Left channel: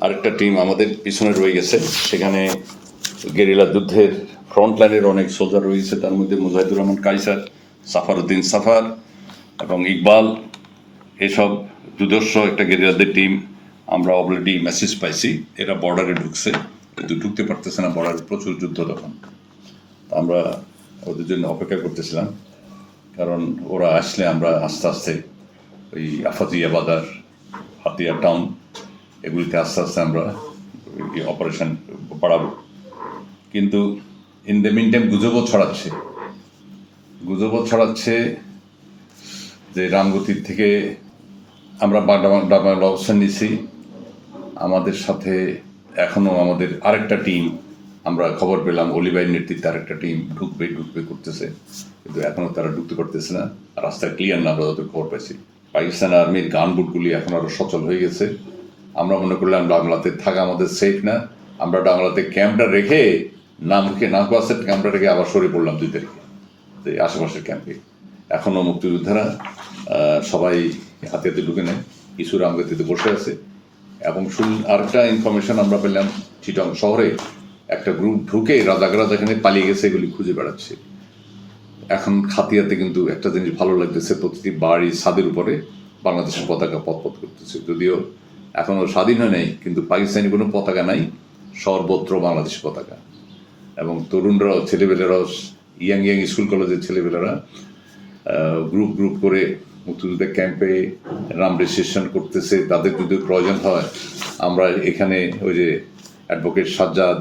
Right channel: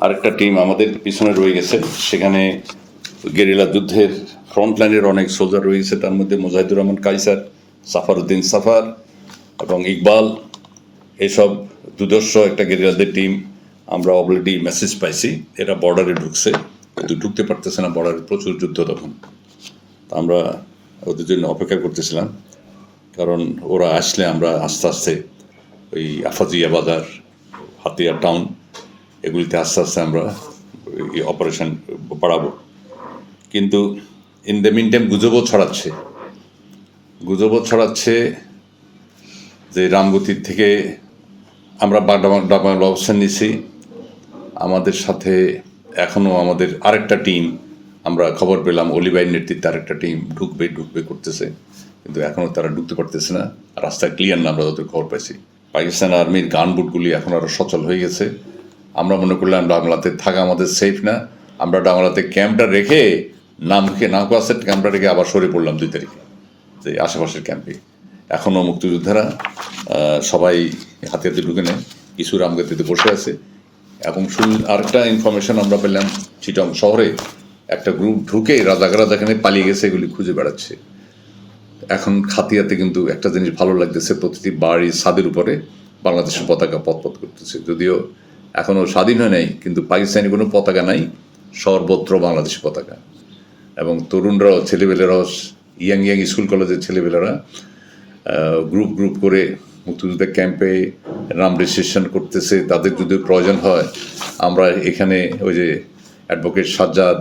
আরেকটা টিম আমাদের পিছনে রয়ে গেছে। সেখানে গেরিলা যুদ্ধের ফ্রন্ট লাইনের অনেক সোলজার রয়েছে। তার মধ্যে মুজাহিদুর রহমান, কাইসার সাফারউদ্দিন সাফার এবং ইকবাল। এসব দুদর্শ একটা গেরিলাদের টিম আমরা অলরেডি মেসেজ পাইছি। এরা বর্ডারে ঢুকছে। কিন্তু ঢুকতে পারতেছে না বর্ডারে প্রচুর যুদ্ধ তখন। আমরা ওদের জন্য অপেক্ষা করতেছিলাম। কারণ ওরা আসলে আমরা আস্তে আস্তে ওই আফাজিয়া বাজার, হাতিয়া টাউন এগুলিতে আস্তে আস্তে আমরা অপারেশন বাড়াবো। কিন্তু ইন দ্য মিন টাইম গুজবও ছড়াচ্ছে। গুজবও ছড়াচ্ছে যে রামগতির থেকে আমরা ডাবাল অবস্থান নিছি আমাদের সাথে এখনও আমাদের আরেকটা টিম আমরা খবর পেলাম, অলিবাইয়ের নেতৃত্বে আরেকটা টিম ঢুকবে ঢুকবে, করতেছে। কিন্তু এখনও তারা ঢুকতে পারতেছে না। রাস্তা ক্লিয়ার না আমরা যতদূর খবর পাইছি। পাকিস্তান আর্মির গান বুটগুলি এখন আরও সচল হয়ে গেছে। আমরা মনে করলাম বাংলাতে থাকা আমাদের সেফ না। আমরা বাংলাতে ক্যাম্পটা রেখে নামকে নামকাসের ক্যাম্পটা রেখে আবার সরে পড়লাম দুই তারিখে, যে আশেপাশের ক্যাম্পে এখনও মুক্তিযোদ্ধারা সবাই হাতে হাতে ঢুকে নেয়। কিছু রামগতিতে বসে আছে। এবং শুন, আরেকটা ইনফরমেশন আমরা পেলাম চিটং শহরে একটা গ্রুপ ঢুকে রাজাকারা যেখানে পালিয়ে গেছে, এগুলি খুঁজে বেড়াচ্ছে। এখন খাতিয়াতে কিন্তু একটা জিনিস ভালো লাগতেছে, প্রতিটি বাড়ি ছাদের উপরে বাংলাদেশের পতাকা পথপথ করতেছে। যদিও এখনও স্বাধীন হয় নাই, কিন্তু পাকিস্তানি কোনো পতাকা নাই, সর্বত্র বাংলাদেশের পতাকা। এবং তরুণরাও ছেলেবেলেরাও ইয়াং ইয়াং স্কুল কলেজের ছেলেবেলেরা গ্রুপ গ্রুপ করে মুক্তিযুদ্ধের ক্যাম্পে নাম রেজিস্ট্রেশন করতেছে। তাদের যদি প্রয়োজন হয়, আমরা এখানে ওই যে অ্যাডভোকেট সাজ্জাদ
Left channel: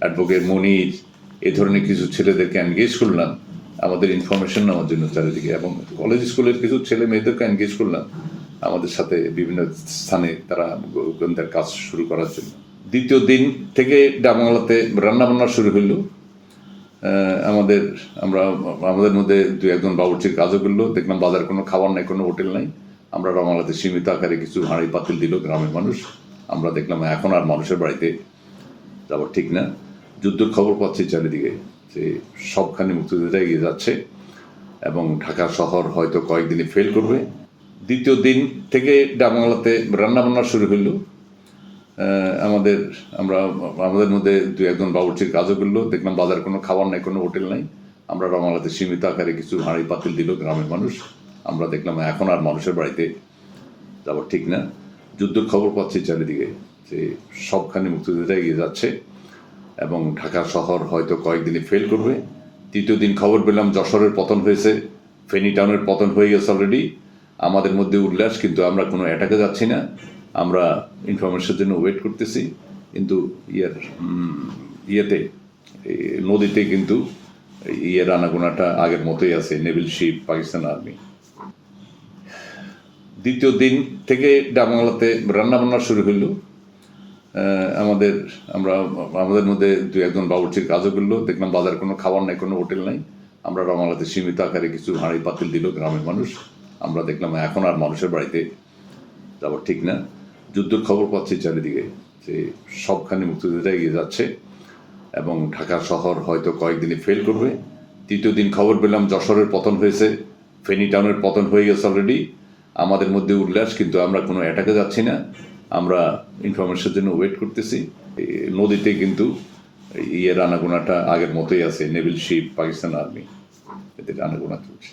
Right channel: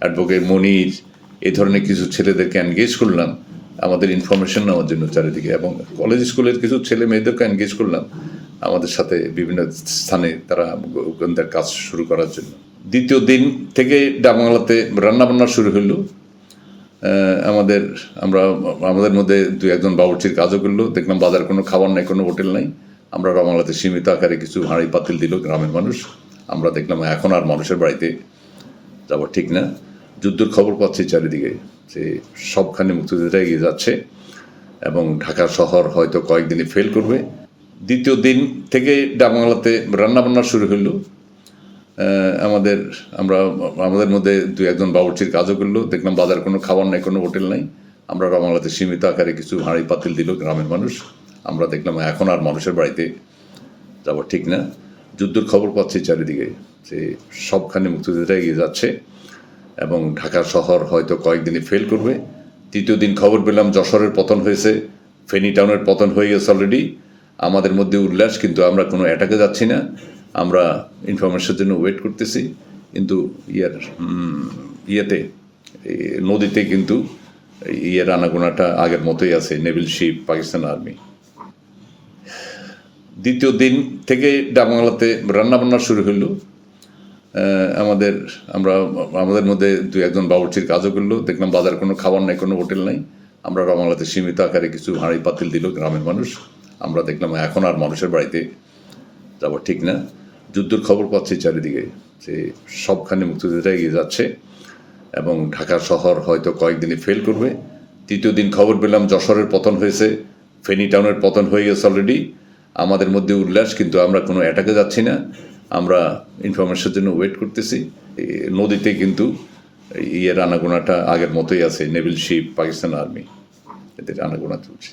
অ্যাডভোকেট মনির এই ধরনের কিছু ছেলেদেরকে এনগেজ করলাম। আমাদের ইনফরমেশন নেওয়ার জন্য চারিদিকে। এবং কলেজ স্কুলের কিছু ছেলে মেয়েদেরকে এনগেজ করলাম। আমাদের সাথে বিভিন্ন স্থানে তারা গোয়েন্দার কাজ শুরু করার জন্য। দ্বিতীয় দিন থেকে ডাবাংলাতে রান্নাবান্না শুরু হলো আমাদের, আমরা, আমাদের মধ্যে দু একজন বাবুর্চির কাজও করল। দেখলাম বাজার কোনো খাবার নাই, কোনো হোটেল নাই। আমরা বাংলাতে সীমিত আকারে কিছু হাঁড়ি পাতিল দিল গ্রামের মানুষ। আমরা দেখলাম এখন আর মানুষের বাড়িতে যাব ঠিক না। যুদ্ধের খবর পাচ্ছি চারিদিকে যে সবখানে মুক্তিযোদ্ধা এগিয়ে যাচ্ছে এবং ঢাকা শহর হয়তো কয়েকদিনে ফেল করবে। দ্বিতীয় দিন থেকে ডাবাংলাতে রান্নাবান্না শুরু আহ, আমাদের আমরা আমাদের মধ্যে দু একজন বাবুর্চির কাজও করল। দেখলাম বাজার কোনো খাবার নাই কোনো হোটেল নাই। আমরা বাংলাতে সীমিত আকারে কিছু হাঁড়ি পাতিল দিল গ্রামের মানুষ। আমরা দেখলাম এখন আর মানুষের বাড়িতে যাব ঠিক না। যুদ্ধের খবর পাচ্ছি চারিদিকে যে সবখানে মুক্তিযোদ্ধা এগিয়ে যাচ্ছে এবং ঢাকা শহর হয়তো কয়েকদিনে ফেল করবে। তৃতীয় দিন খবর পেলাম যশোরের পতন হয়েছে ফেনী টাউনের পতন হয়ে গেছে অলরেডি আমাদের মধ্যে উল্লাস, কিন্তু আমরা কোনো অ্যাটাকে যাচ্ছি না। আমরা ইনফরমেশনের জন্য ওয়েট করতেছি। কিন্তু ইয়ার ইয়েতে নদীতে কিন্তু ইয়ের আনাগোনাটা আগের মতোই আছে নেভিল শিপ পাকিস্তান আর্মি দ্বিতীয় দিন থেকে ডাবাংলাতে রান্নাবান্না শুরু হলো আমাদের, আমরা, আমাদের মধ্যে দু একজন বাবুর্চির কাজও করল। দেখলাম বাজার কোনো খাবার নাই, কোনো হোটেল নাই। আমরা বাংলাতে সীমিত আকারে কিছু হাঁড়ি পাতিল দিল গ্রামের মানুষ। আমরা দেখলাম এখন আর মানুষের বাড়িতে যাব ঠিক না। যুদ্ধের খবর পাচ্ছি চারিদিকে যে সবখানে মুক্তিযোদ্ধা এগিয়ে যাচ্ছে এবং ঢাকা শহর হয়তো কয়েকদিনে ফেল করবে। তৃতীয় দিন খবর পেলাম যশোরের পতন হয়েছে, ফেনী টাউনের পতন হয়ে গেছে অলরেডি আমাদের মধ্যে উল্লাস, কিন্তু আমরা কোনো অ্যাটাকে যাচ্ছি না। আমরা ইনফরমেশনের জন্য ওয়েট করতেছি। নদীতে কিন্তু ইয়ের আনাগোনাটা আগের মতোই আছে নেভিল শিপ পাকিস্তান আর্মি এদের আনাগোনা চলছে।